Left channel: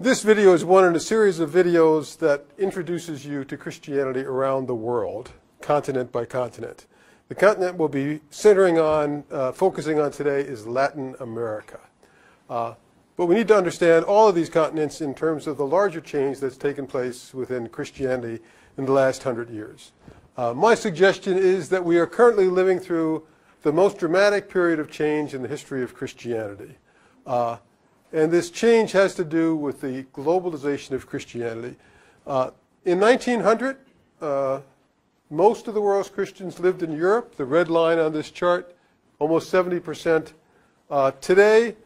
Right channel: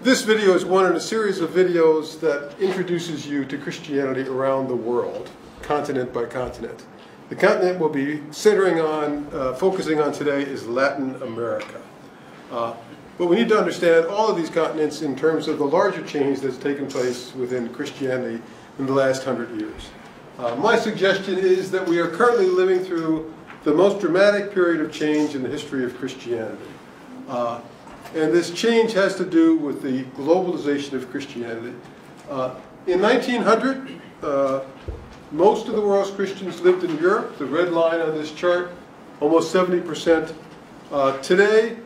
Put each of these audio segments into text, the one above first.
This video is one in a series of videos that introduces you to Christianity around the world, continent by continent. The continent we'll be centering on, focusing on today is Latin America. But we need to understand all of these continents in terms of the larger change that's taken place within Christianity in the last 100 years. My suggestion is that we are currently living through the most dramatic period of change in the history of Christianity. And this change has to do with the globalization of Christianity. In 1900, most of the world's Christians lived in Europe, the red line on this chart, almost 70%. Today,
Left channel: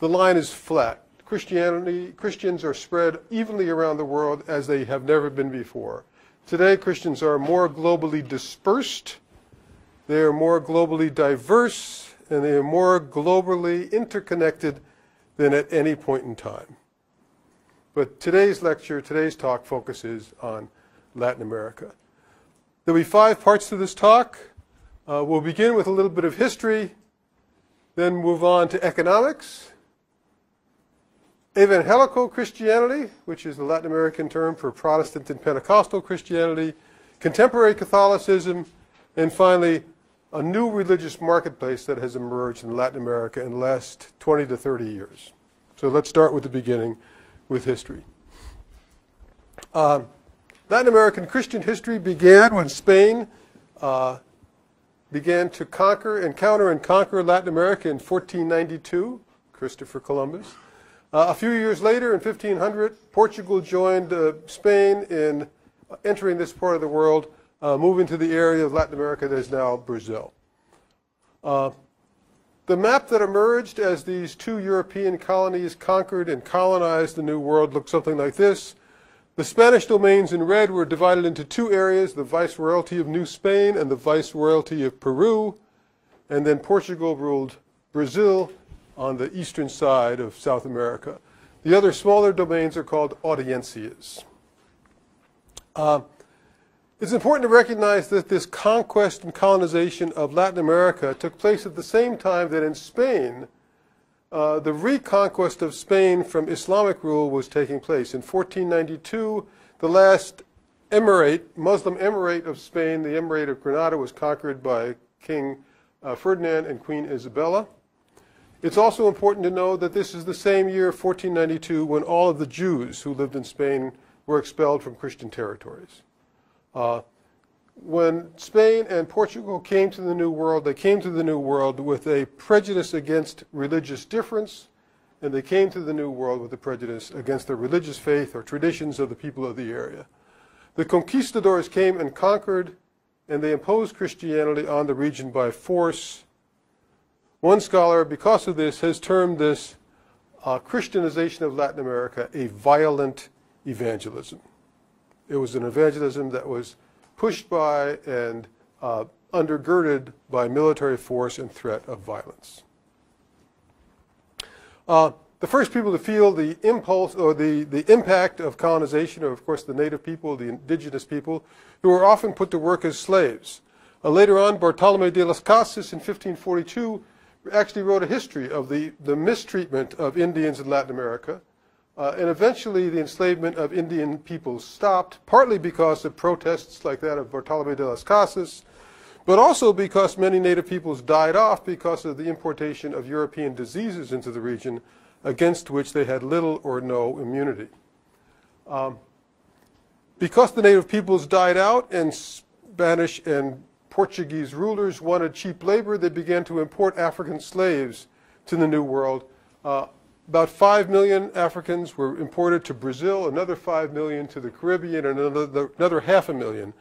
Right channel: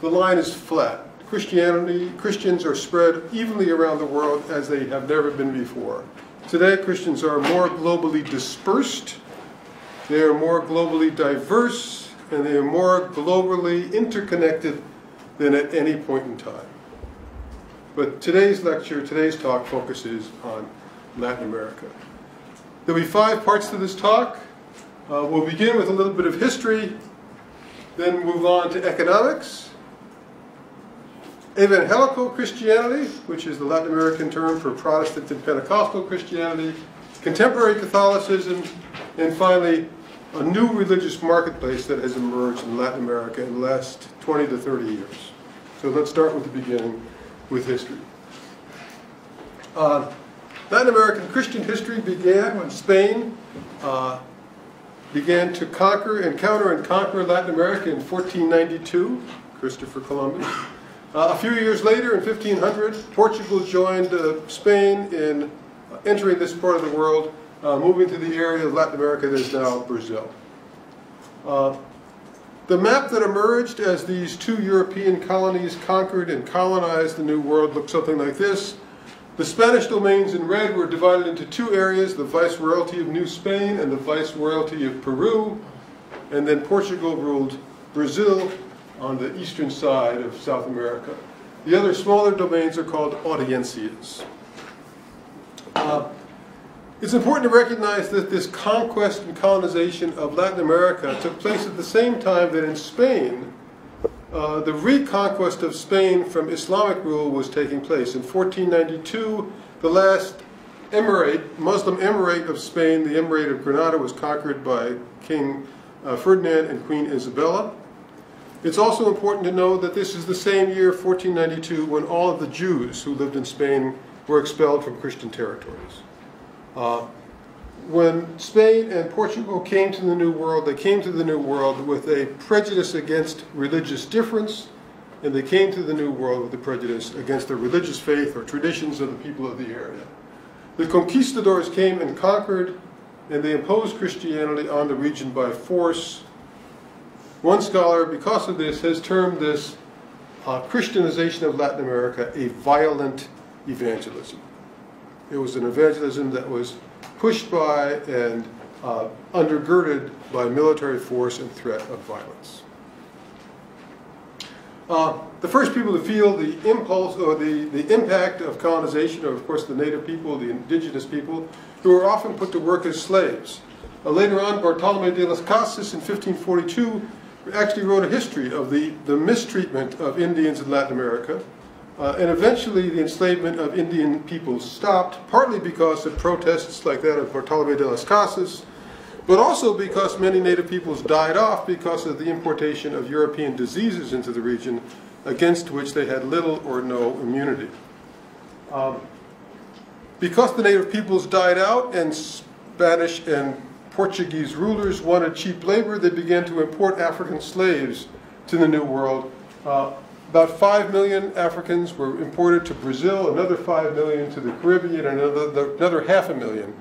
the line is flat. Christians are spread evenly around the world as they have never been before. Today, Christians are more globally dispersed, they are more globally diverse, and they are more globally interconnected than at any point in time. But today's lecture, today's talk focuses on Latin America. There will be 5 parts to this talk. We'll begin with a little bit of history, then move on to economics, evangelical Christianity, which is the Latin American term for Protestant and Pentecostal Christianity, contemporary Catholicism, and finally, a new religious marketplace that has emerged in Latin America in the last 20 to 30 years. So let's start with the beginning, with history. Latin American Christian history began when Spain began to encounter and conquer Latin America in 1492, Christopher Columbus. A few years later, in 1500, Portugal joined Spain in entering this part of the world, moving to the area of Latin America that is now Brazil. The map that emerged as these 2 European colonies conquered and colonized the New World looked something like this. The Spanish domains in red were divided into 2 areas, the Viceroyalty of New Spain and the Viceroyalty of Peru, and then Portugal ruled Brazil on the eastern side of South America. The other smaller domains are called audiencias. It's important to recognize that this conquest and colonization of Latin America took place at the same time that in Spain, the reconquest of Spain from Islamic rule was taking place. In 1492, the last Muslim emirate of Spain, the Emirate of Granada, was conquered by King Ferdinand and Queen Isabella. It's also important to know that this is the same year, 1492, when all of the Jews who lived in Spain were expelled from Christian territories. When Spain and Portugal came to the New World, they came to the New World with a prejudice against religious difference, and they came to the New World with a prejudice against the religious faith or traditions of the people of the area. The conquistadors came and conquered, and they imposed Christianity on the region by force. One scholar, because of this, has termed this Christianization of Latin America a violent evangelism. It was an evangelism that was pushed by and undergirded by military force and threat of violence. The first people to feel the impulse or the impact of colonization are, of course, the native people, the indigenous people, who were often put to work as slaves. Later on, Bartolomé de las Casas in 1542 actually wrote a history of the mistreatment of Indians in Latin America. And eventually the enslavement of Indian people stopped, partly because of protests like that of Bartolomé de las Casas, but also because many native peoples died off because of the importation of European diseases into the region against which they had little or no immunity. Because the native peoples died out and Spanish and Portuguese rulers wanted cheap labor, they began to import African slaves to the New World. About 5 million Africans were imported to Brazil, another 5 million to the Caribbean, and another 500,000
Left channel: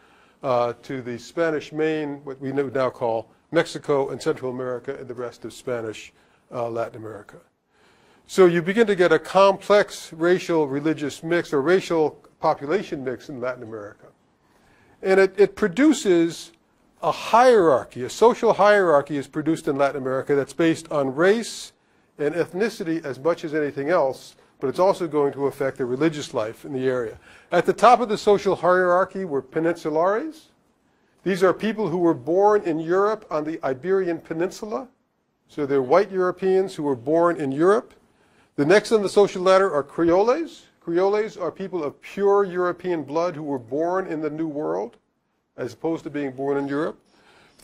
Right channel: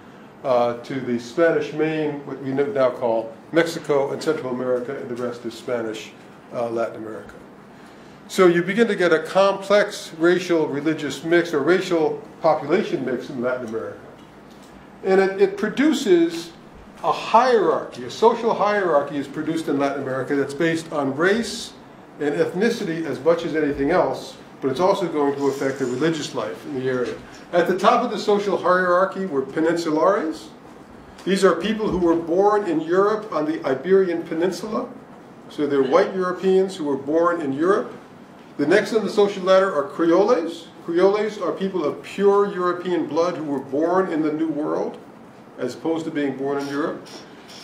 to the Spanish Main, what we now call Mexico and Central America, and the rest of Spanish Latin America. So you begin to get a complex racial religious mix or racial population mix in Latin America. And it produces a hierarchy, a social hierarchy is produced in Latin America that's based on race and ethnicity as much as anything else, but it's also going to affect the religious life in the area. At the top of the social hierarchy were peninsulares. These are people who were born in Europe on the Iberian Peninsula. So they're white Europeans who were born in Europe. The next on the social ladder are Creoles. Creoles are people of pure European blood who were born in the New World, as opposed to being born in Europe.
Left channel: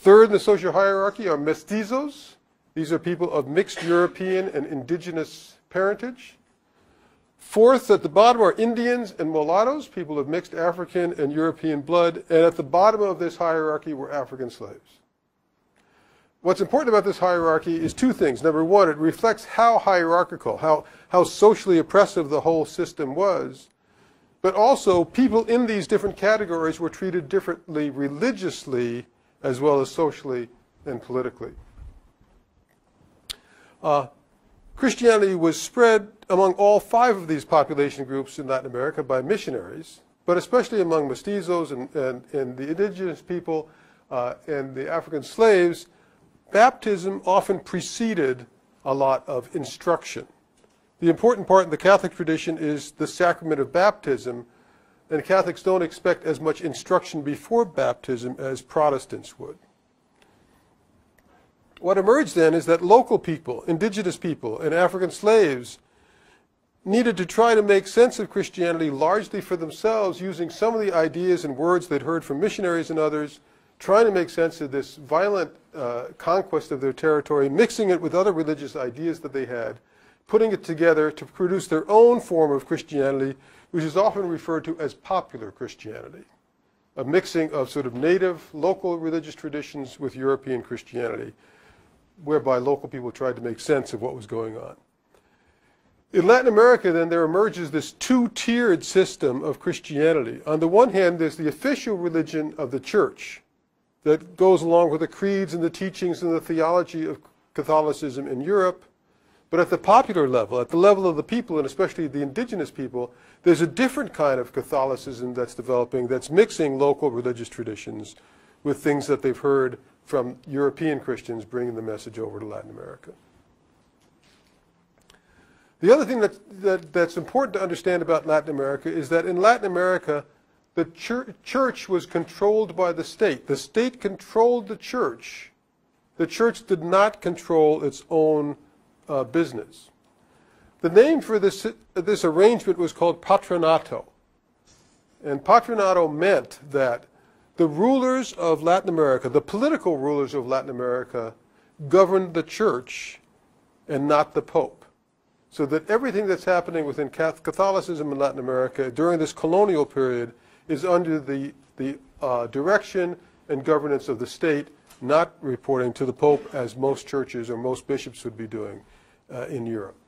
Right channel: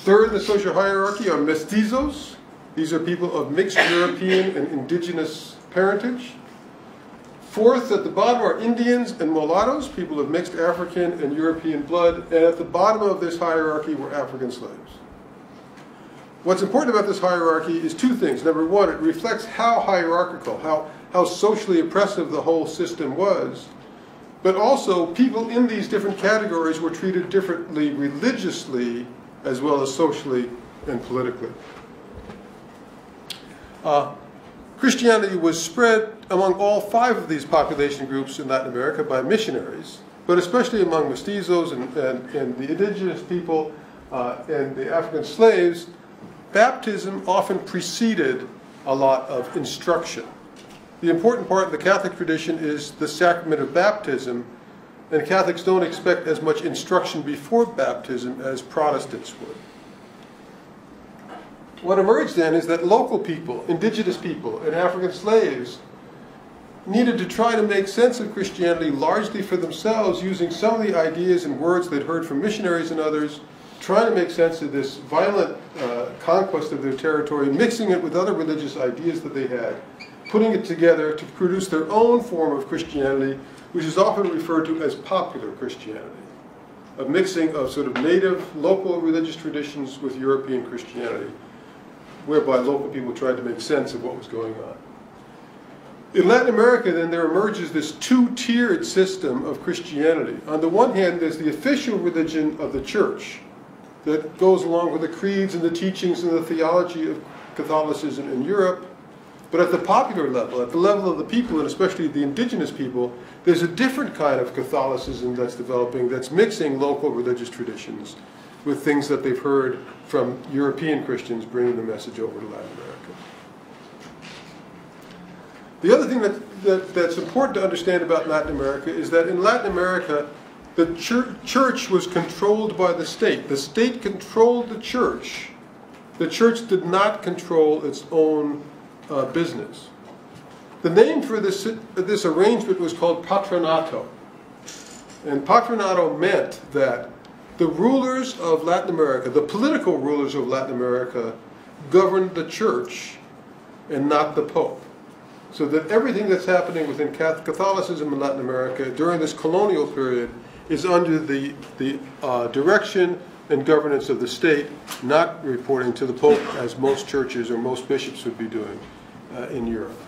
Third in the social hierarchy are Mestizos. These are people of mixed European and indigenous parentage. Fourth, at the bottom are Indians and mulattoes, people of mixed African and European blood. And at the bottom of this hierarchy were African slaves. What's important about this hierarchy is two things. Number one, it reflects how hierarchical, how socially oppressive the whole system was. But also, people in these different categories were treated differently religiously as well as socially and politically. Christianity was spread among all five of these population groups in Latin America by missionaries, but especially among mestizos and the indigenous people and the African slaves. Baptism often preceded a lot of instruction. The important part of the Catholic tradition is the sacrament of baptism, and Catholics don't expect as much instruction before baptism as Protestants would. What emerged then is that local people, indigenous people, and African slaves needed to try to make sense of Christianity largely for themselves, using some of the ideas and words they'd heard from missionaries and others, trying to make sense of this violent conquest of their territory, mixing it with other religious ideas that they had, putting it together to produce their own form of Christianity, which is often referred to as popular Christianity, a mixing of sort of native, local religious traditions with European Christianity, whereby local people tried to make sense of what was going on. In Latin America, then, there emerges this two-tiered system of Christianity. On the one hand, there's the official religion of the church that goes along with the creeds and the teachings and the theology of Catholicism in Europe. But at the popular level, at the level of the people, and especially the indigenous people, there's a different kind of Catholicism that's developing that's mixing local religious traditions with things that they've heard from European Christians bringing the message over to Latin America. The other thing that's important to understand about Latin America is that in Latin America, the church was controlled by the state. The state controlled the church. The church did not control its own business. The name for this arrangement was called patronato. And patronato meant that the rulers of Latin America, the political rulers of Latin America, governed the church and not the Pope. So that everything that's happening within Catholicism in Latin America during this colonial period is under the direction and governance of the state, not reporting to the Pope as most churches or most bishops would be doing in Europe.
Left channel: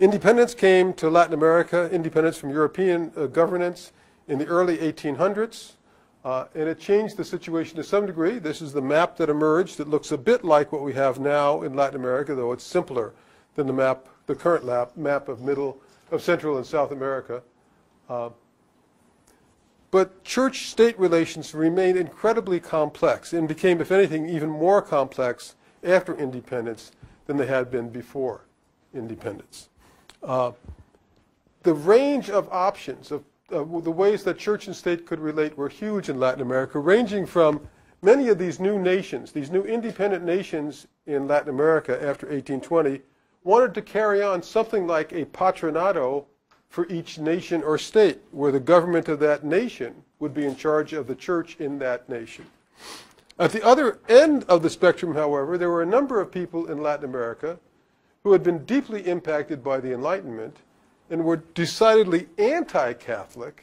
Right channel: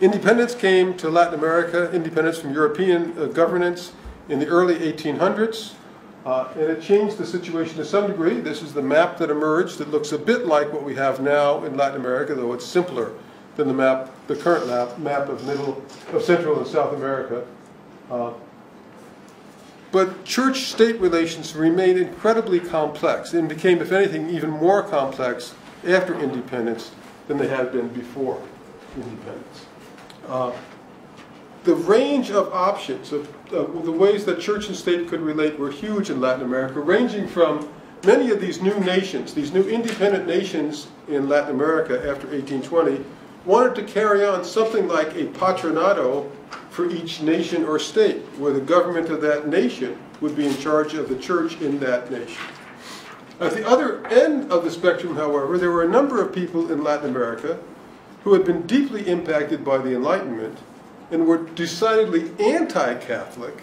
Independence came to Latin America, independence from European governance in the early 1800s, and it changed the situation to some degree. This is the map that emerged. It looks a bit like what we have now in Latin America, though it's simpler than the current map of Central and South America. But church-state relations remained incredibly complex and became, if anything, even more complex after independence than they had been before independence. The range of options of the ways that church and state could relate were huge in Latin America, ranging from many of these new nations, these new independent nations in Latin America after 1820, wanted to carry on something like a patronato for each nation or state, where the government of that nation would be in charge of the church in that nation. At the other end of the spectrum, however, there were a number of people in Latin America who had been deeply impacted by the Enlightenment and were decidedly anti-Catholic,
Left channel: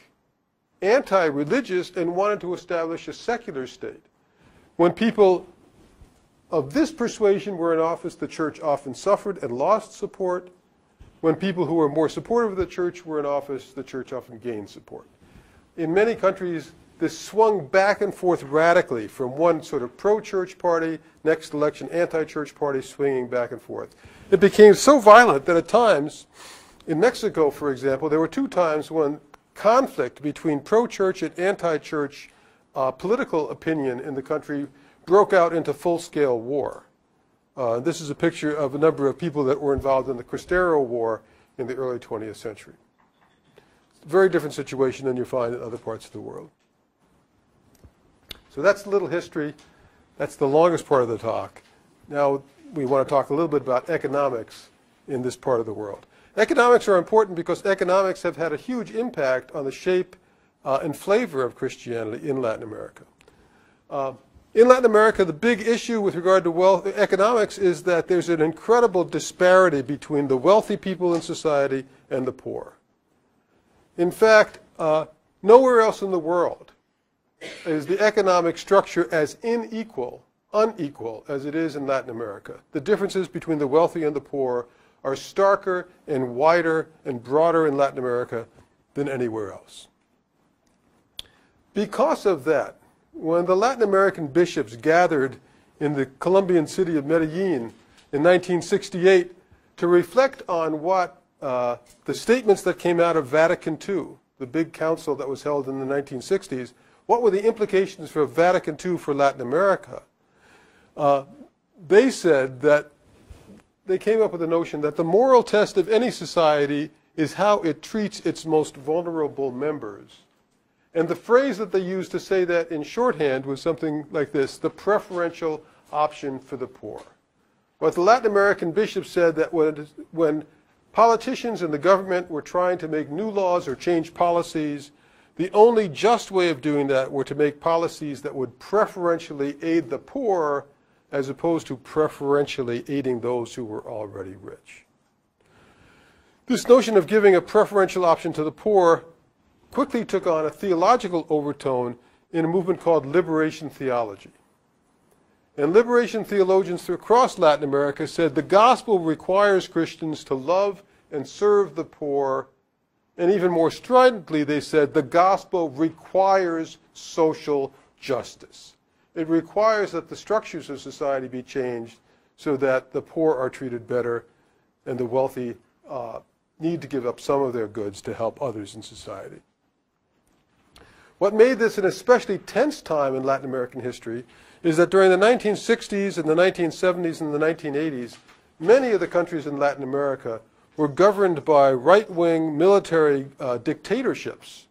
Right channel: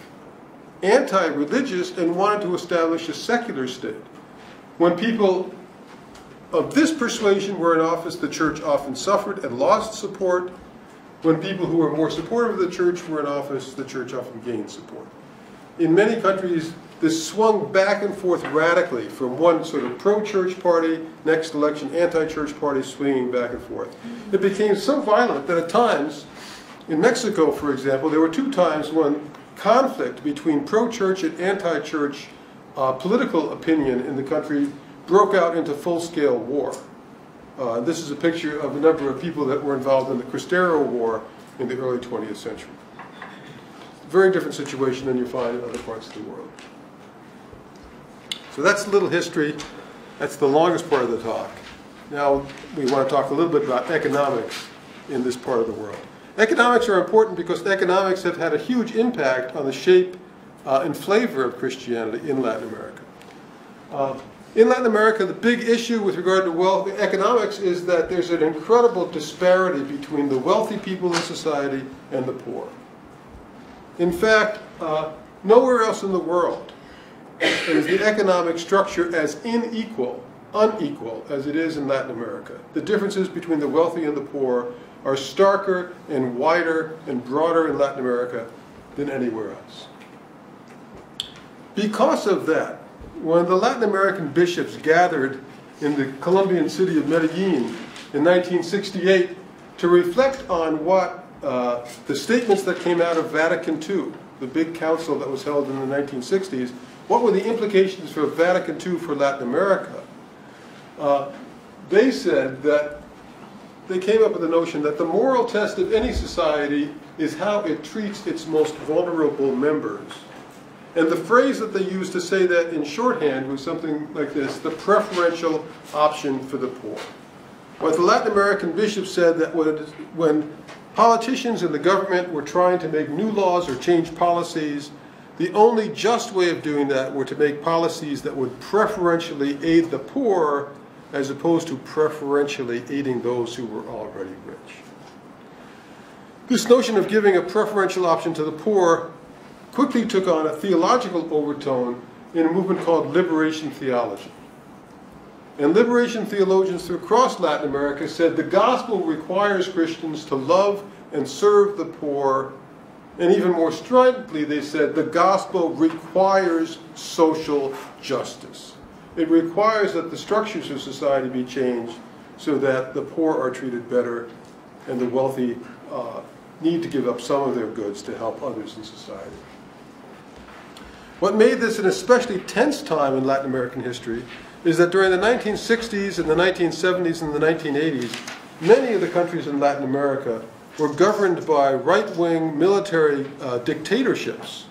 anti-religious, and wanted to establish a secular state. When people of this persuasion were in office, the church often suffered and lost support. When people who were more supportive of the church were in office, the church often gained support. In many countries, this swung back and forth radically from one sort of pro-church party, next election anti-church party, swinging back and forth. It became so violent that at times, in Mexico, for example, there were two times when conflict between pro-church and anti-church political opinion in the country broke out into full-scale war. This is a picture of a number of people that were involved in the Cristero War in the early 20th century. Very different situation than you find in other parts of the world. So that's a little history. That's the longest part of the talk. Now we want to talk a little bit about economics in this part of the world. Economics are important because economics have had a huge impact on the shape and flavor of Christianity in Latin America. In Latin America, the big issue with regard to wealth economics is that there's an incredible disparity between the wealthy people in society and the poor. In fact, nowhere else in the world is the economic structure as unequal as it is in Latin America. The differences between the wealthy and the poor are starker and wider and broader in Latin America than anywhere else. Because of that, when the Latin American bishops gathered in the Colombian city of Medellin in 1968 to reflect on what the statements that came out of Vatican II, the big council that was held in the 1960s, what were the implications for Vatican II for Latin America? They said that they came up with the notion that the moral test of any society is how it treats its most vulnerable members. And the phrase that they used to say that in shorthand was something like this: the preferential option for the poor. What the Latin American bishops said that when politicians and the government were trying to make new laws or change policies, the only just way of doing that were to make policies that would preferentially aid the poor as opposed to preferentially aiding those who were already rich. This notion of giving a preferential option to the poor quickly took on a theological overtone in a movement called liberation theology. And liberation theologians across Latin America said the gospel requires Christians to love and serve the poor, and even more stridently they said the gospel requires social justice. It requires that the structures of society be changed so that the poor are treated better and the wealthy need to give up some of their goods to help others in society. What made this an especially tense time in Latin American history is that during the 1960s and the 1970s and the 1980s, many of the countries in Latin America were governed by right-wing military dictatorships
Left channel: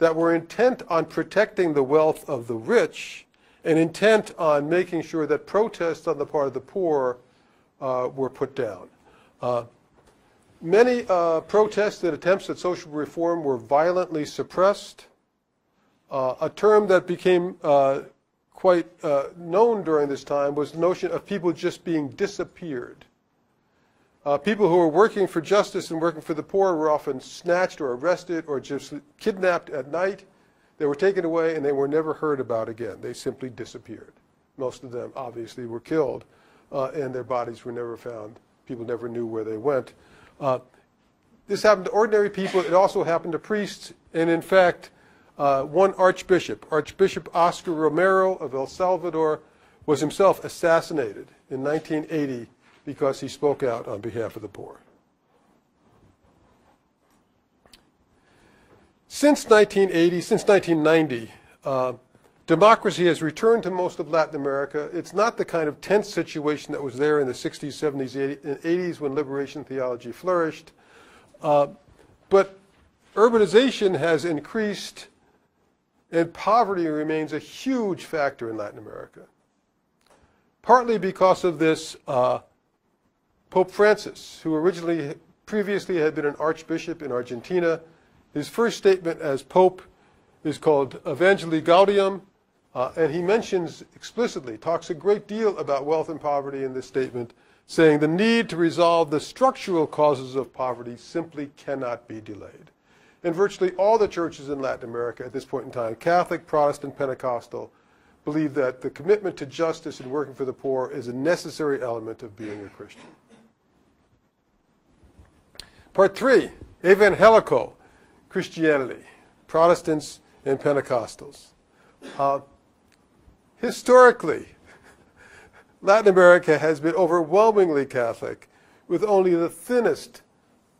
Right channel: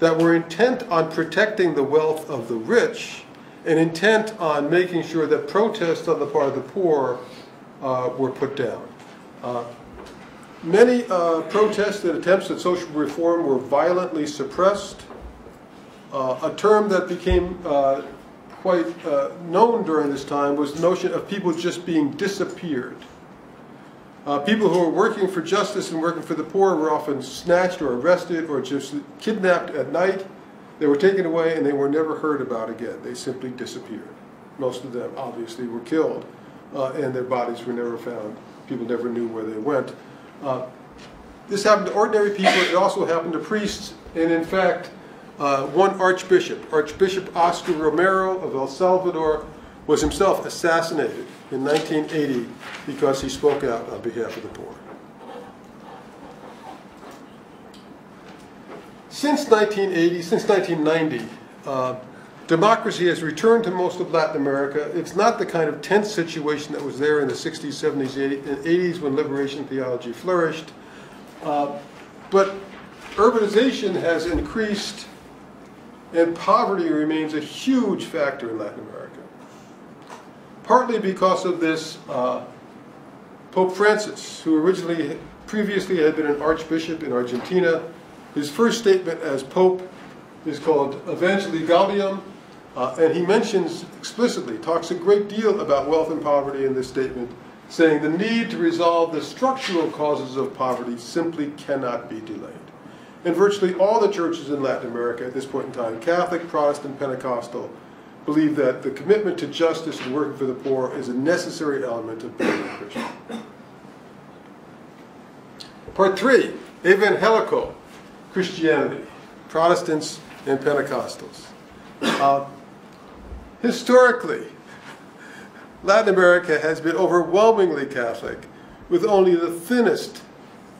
that were intent on protecting the wealth of the rich and intent on making sure that protests on the part of the poor were put down. Many protests and attempts at social reform were violently suppressed. A term that became quite known during this time was the notion of people just being disappeared. People who were working for justice and working for the poor were often snatched or arrested or just kidnapped at night. They were taken away and they were never heard about again. They simply disappeared. Most of them obviously were killed and their bodies were never found. People never knew where they went. This happened to ordinary people. It also happened to priests. And in fact, one archbishop, Archbishop Oscar Romero of El Salvador, was himself assassinated in 1980 because he spoke out on behalf of the poor. Since 1980, since 1990, democracy has returned to most of Latin America. It's not the kind of tense situation that was there in the 60s, 70s, 80s when liberation theology flourished. But urbanization has increased and poverty remains a huge factor in Latin America. Partly because of this, Pope Francis, who previously had been an archbishop in Argentina, his first statement as Pope is called Evangelii Gaudium, and he mentions explicitly, talks a great deal about wealth and poverty in this statement, saying the need to resolve the structural causes of poverty simply cannot be delayed. And virtually all the churches in Latin America at this point in time, Catholic, Protestant, Pentecostal, believe that the commitment to justice and working for the poor is a necessary element of being a Christian. Part 3, evangelical Christianity, Protestants and Pentecostals. Historically, Latin America has been overwhelmingly Catholic, with only the thinnest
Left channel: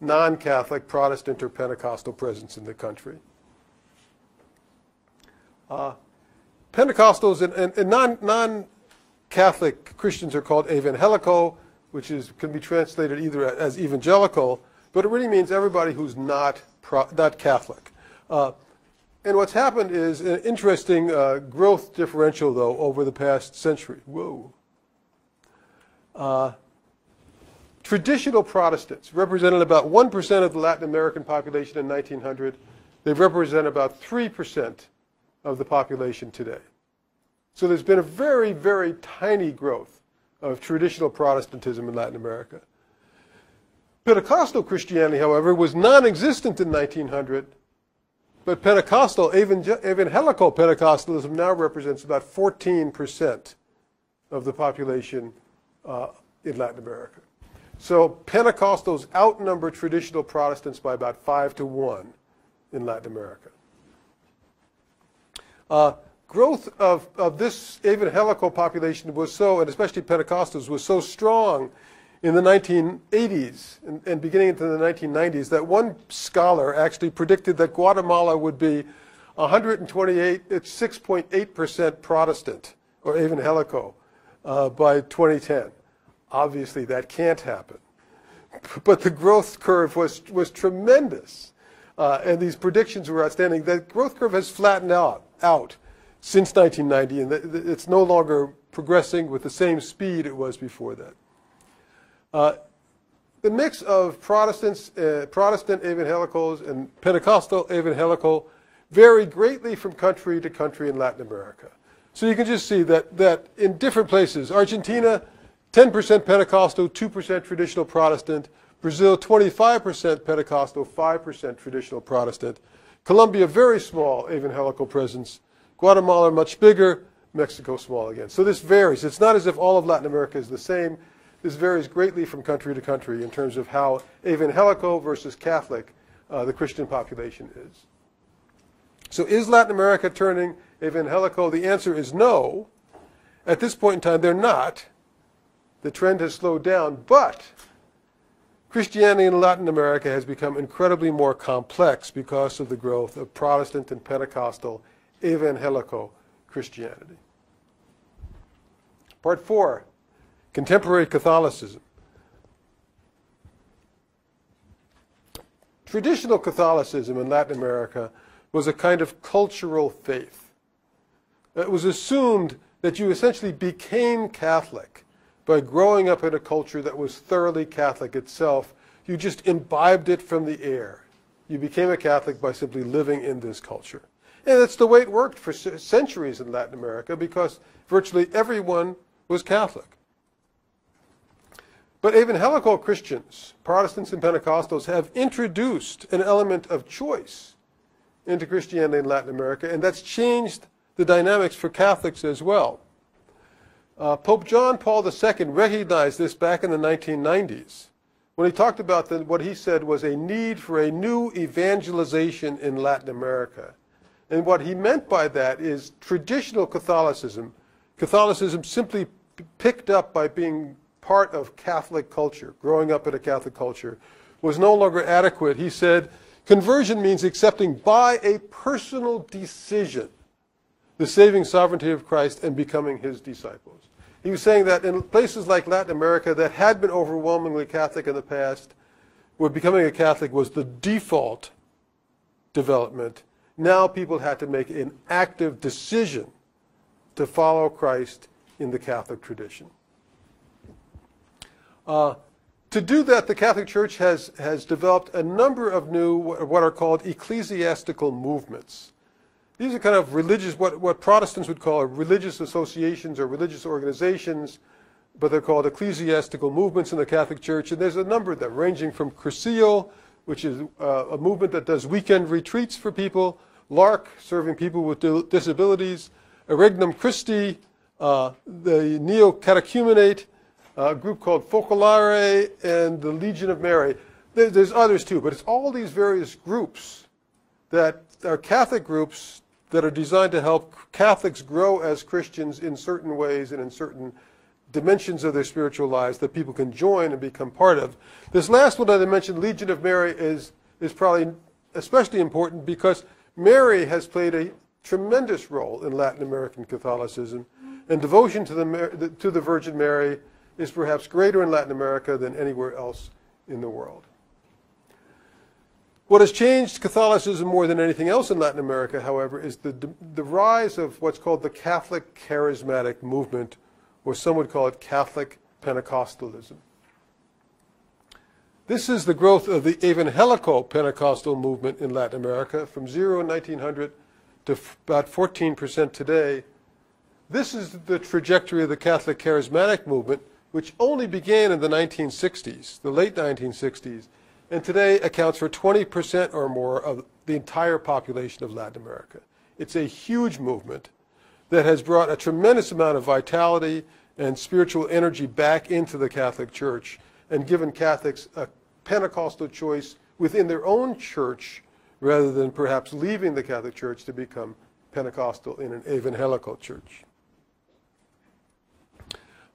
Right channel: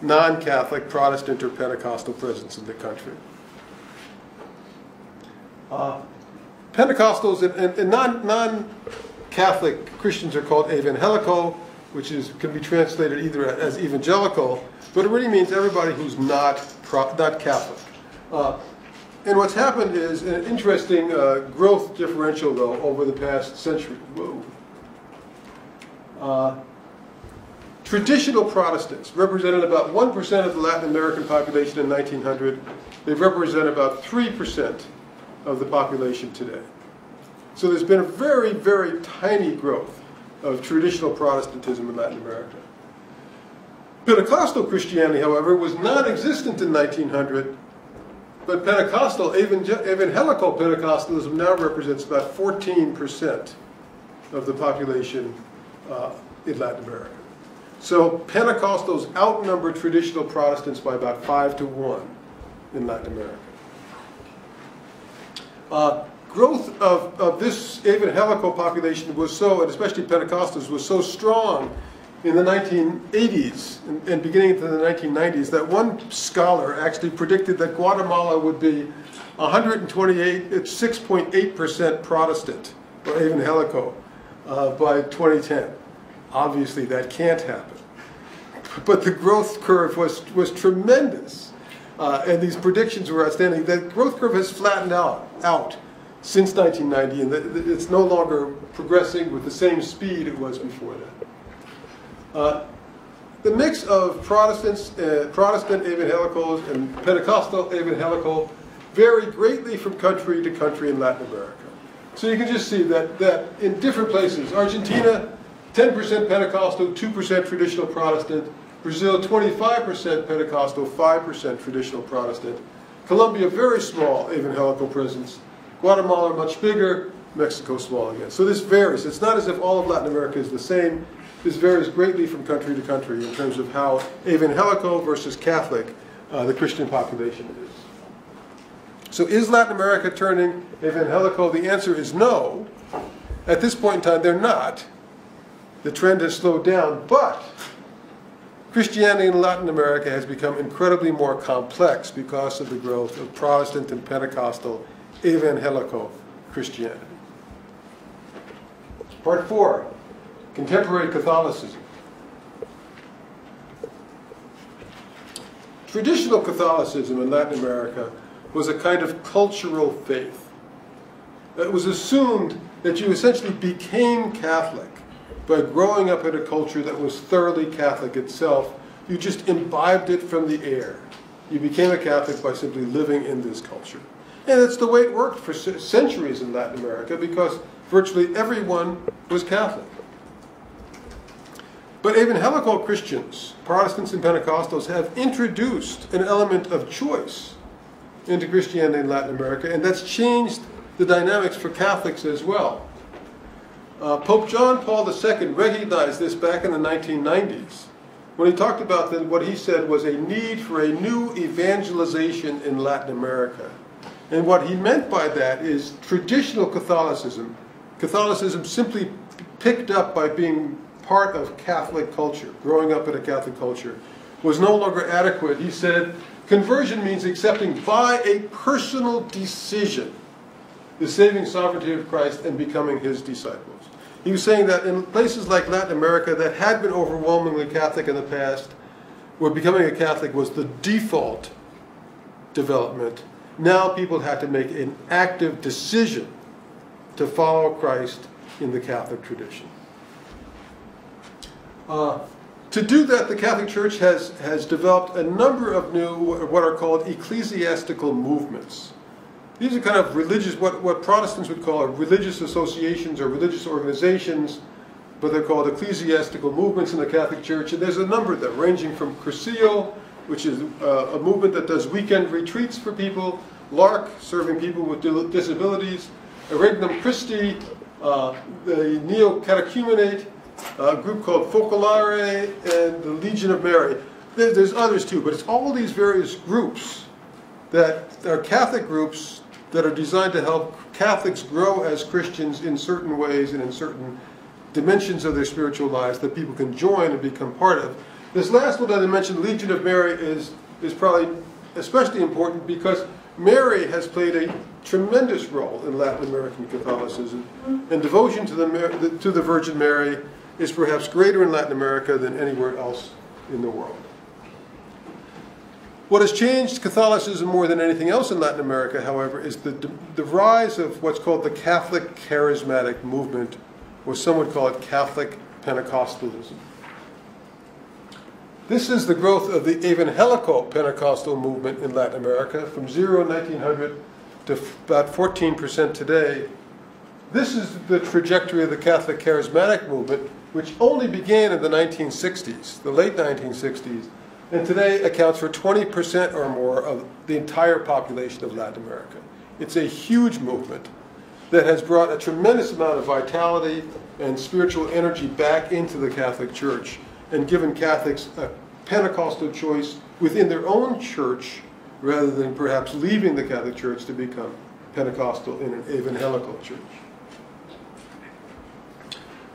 non-Catholic Protestant or Pentecostal presence in the country. Pentecostals and non-Catholic Christians are called evangelical, which can be translated either as evangelical, but it really means everybody who's not Catholic. And what's happened is an interesting growth differential, though, over the past century. Whoa. Traditional Protestants represented about 1% of the Latin American population in 1900. They represent about 3% of the population today. So there's been a very, very tiny growth of traditional Protestantism in Latin America. Pentecostal Christianity, however, was non-existent in 1900, but Pentecostal, evangelical Pentecostalism now represents about 14% of the population in Latin America. So Pentecostals outnumber traditional Protestants by about 5 to 1 in Latin America. Growth of this evangelical population was so, and especially Pentecostals, was so strong in the 1980s and beginning into the 1990s that one scholar actually predicted that Guatemala would be 6.8% Protestant or evangelical by 2010. Obviously, that can't happen. But the growth curve was tremendous, and these predictions were outstanding. The growth curve has flattened out since 1990, and it's no longer progressing with the same speed it was before that. The mix of Protestant evangelicals and Pentecostal evangelical vary greatly from country to country in Latin America. So you can just see that in different places, Argentina, 10% Pentecostal, 2% traditional Protestant. Brazil, 25% Pentecostal, 5% traditional Protestant. Colombia, very small evangelical presence. Guatemala, much bigger. Mexico, small again. So this varies. It's not as if all of Latin America is the same. This varies greatly from country to country in terms of how evangelical versus Catholic the Christian population is. So is Latin America turning evangelical? The answer is no. At this point in time, they're not. The trend has slowed down, but Christianity in Latin America has become incredibly more complex because of the growth of Protestant and Pentecostal evangelical Christianity. Part 4, contemporary Catholicism. Traditional Catholicism in Latin America was a kind of cultural faith. It was assumed that you essentially became Catholic by growing up in a culture that was thoroughly Catholic itself. You just imbibed it from the air. You became a Catholic by simply living in this culture. And that's the way it worked for centuries in Latin America because virtually everyone was Catholic. But evangelical Christians, Protestants and Pentecostals, have introduced an element of choice into Christianity in Latin America, and that's changed the dynamics for Catholics as well. Pope John Paul II recognized this back in the 1990s when he talked about what he said was a need for a new evangelization in Latin America. And what he meant by that is traditional Catholicism, Catholicism simply picked up by being part of Catholic culture, growing up in a Catholic culture, was no longer adequate. He said, conversion means accepting by a personal decision the saving sovereignty of Christ and becoming his disciples. He was saying that in places like Latin America that had been overwhelmingly Catholic in the past, where becoming a Catholic was the default development, now people had to make an active decision to follow Christ in the Catholic tradition. To do that, the Catholic Church has developed a number of new, what are called ecclesiastical movements. These are kind of religious, what Protestants would call religious associations or religious organizations, but they're called ecclesiastical movements in the Catholic Church. And there's a number of them, ranging from Cursillo, which is a movement that does weekend retreats for people, LARC, serving people with disabilities, Regnum Christi, the Neo-Catechumenate, a group called Focolare, and the Legion of Mary. There's others too, but it's all these various groups that are Catholic groups that are designed to help Catholics grow as Christians in certain ways and in certain dimensions of their spiritual lives that people can join and become part of. This last one that I mentioned, Legion of Mary, is probably especially important because Mary has played a tremendous role in Latin American Catholicism, and devotion to the Virgin Mary is perhaps greater in Latin America than anywhere else in the world. What has changed Catholicism more than anything else in Latin America, however, is the rise of what's called the Catholic Charismatic movement, or some would call it Catholic Pentecostalism. This is the growth of the evangelical Pentecostal movement in Latin America from 0 in 1900 to about 14% today. This is the trajectory of the Catholic Charismatic movement, which only began in the 1960s, the late 1960s, and today accounts for 20% or more of the entire population of Latin America. It's a huge movement that has brought a tremendous amount of vitality and spiritual energy back into the Catholic Church and given Catholics a Pentecostal choice within their own church rather than perhaps leaving the Catholic Church to become Pentecostal in an evangelical church.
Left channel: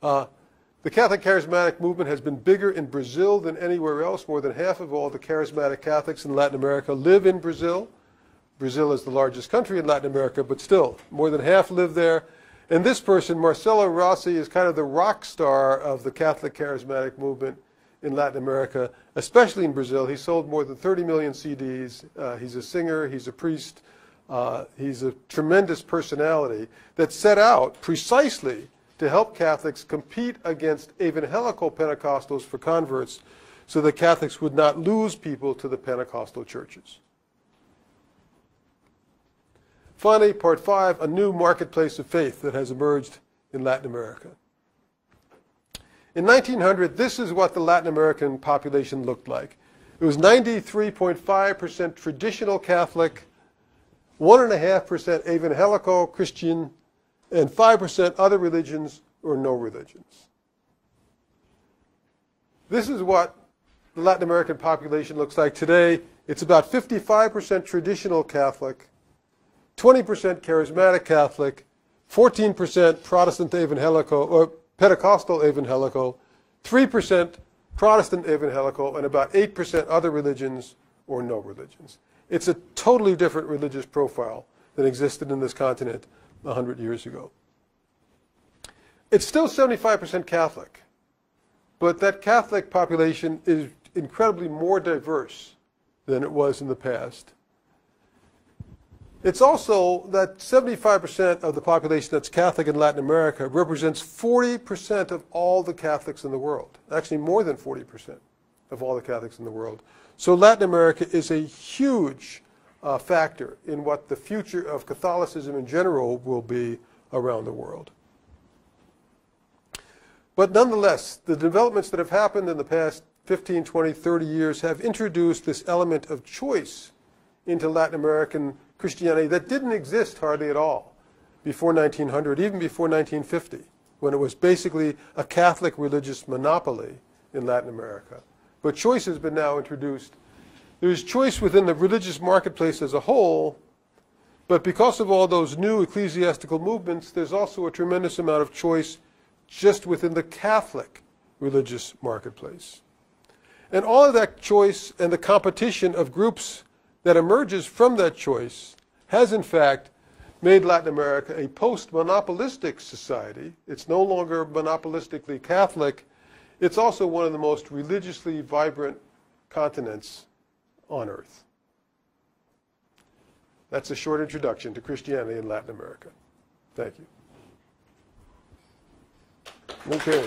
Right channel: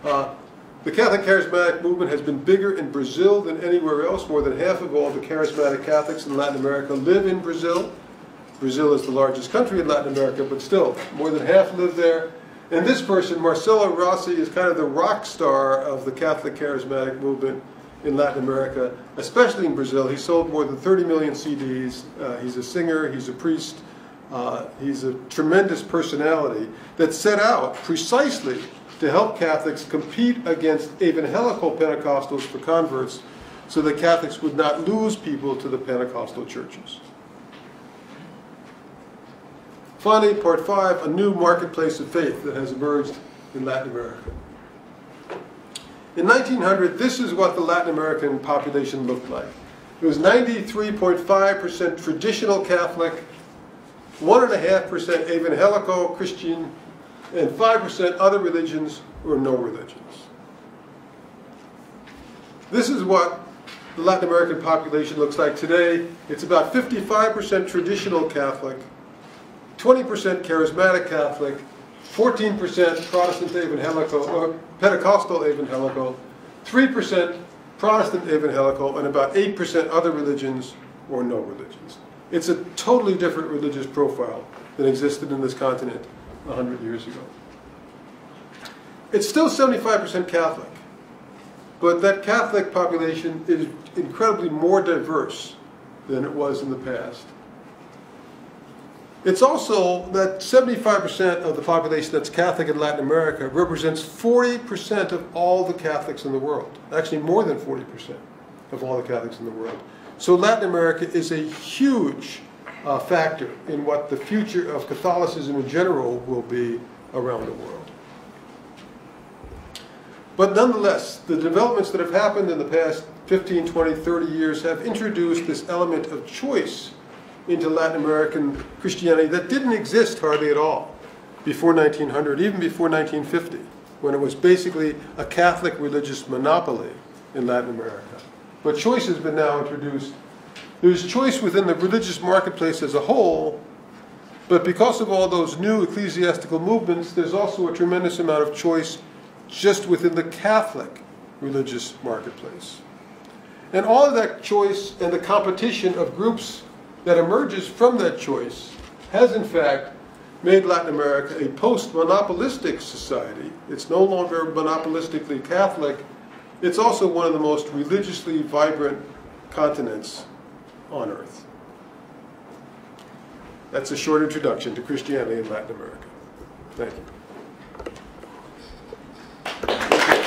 The Catholic Charismatic movement has been bigger in Brazil than anywhere else. More than half of all the charismatic Catholics in Latin America live in Brazil. Brazil is the largest country in Latin America, but still, more than half live there. And this person, Marcelo Rossi, is kind of the rock star of the Catholic Charismatic movement in Latin America, especially in Brazil. He sold more than 30 million CDs. He's a singer, he's a priest, he's a tremendous personality that set out precisely to help Catholics compete against evangelical Pentecostals for converts so that Catholics would not lose people to the Pentecostal churches. Finally, part 5, a new marketplace of faith that has emerged in Latin America. In 1900, this is what the Latin American population looked like. It was 93.5% traditional Catholic, 1.5% evangelical Christian, and 5% other religions or no religions. This is what the Latin American population looks like today. It's about 55% traditional Catholic, 20% charismatic Catholic, 14% Protestant evangelical, or Pentecostal evangelical, 3% Protestant evangelical, and about 8% other religions or no religions. It's a totally different religious profile that existed in this continent 100 years ago. It's still 75% Catholic, but that Catholic population is incredibly more diverse than it was in the past. It's also that 75% of the population that's Catholic in Latin America represents 40% of all the Catholics in the world. Actually, more than 40% of all the Catholics in the world. So Latin America is a huge factor in what the future of Catholicism in general will be around the world. But nonetheless, the developments that have happened in the past 15, 20, 30 years have introduced this element of choice into Latin American Christianity that didn't exist hardly at all before 1900, even before 1950, when it was basically a Catholic religious monopoly in Latin America. But choice has been now introduced. There's choice within the religious marketplace as a whole, but because of all those new ecclesiastical movements, there's also a tremendous amount of choice just within the Catholic religious marketplace. And all of that choice and the competition of groups that emerges from that choice has in fact made Latin America a post-monopolistic society. It's no longer monopolistically Catholic. It's also one of the most religiously vibrant continents on earth. That's a short introduction to Christianity in Latin America. Thank you.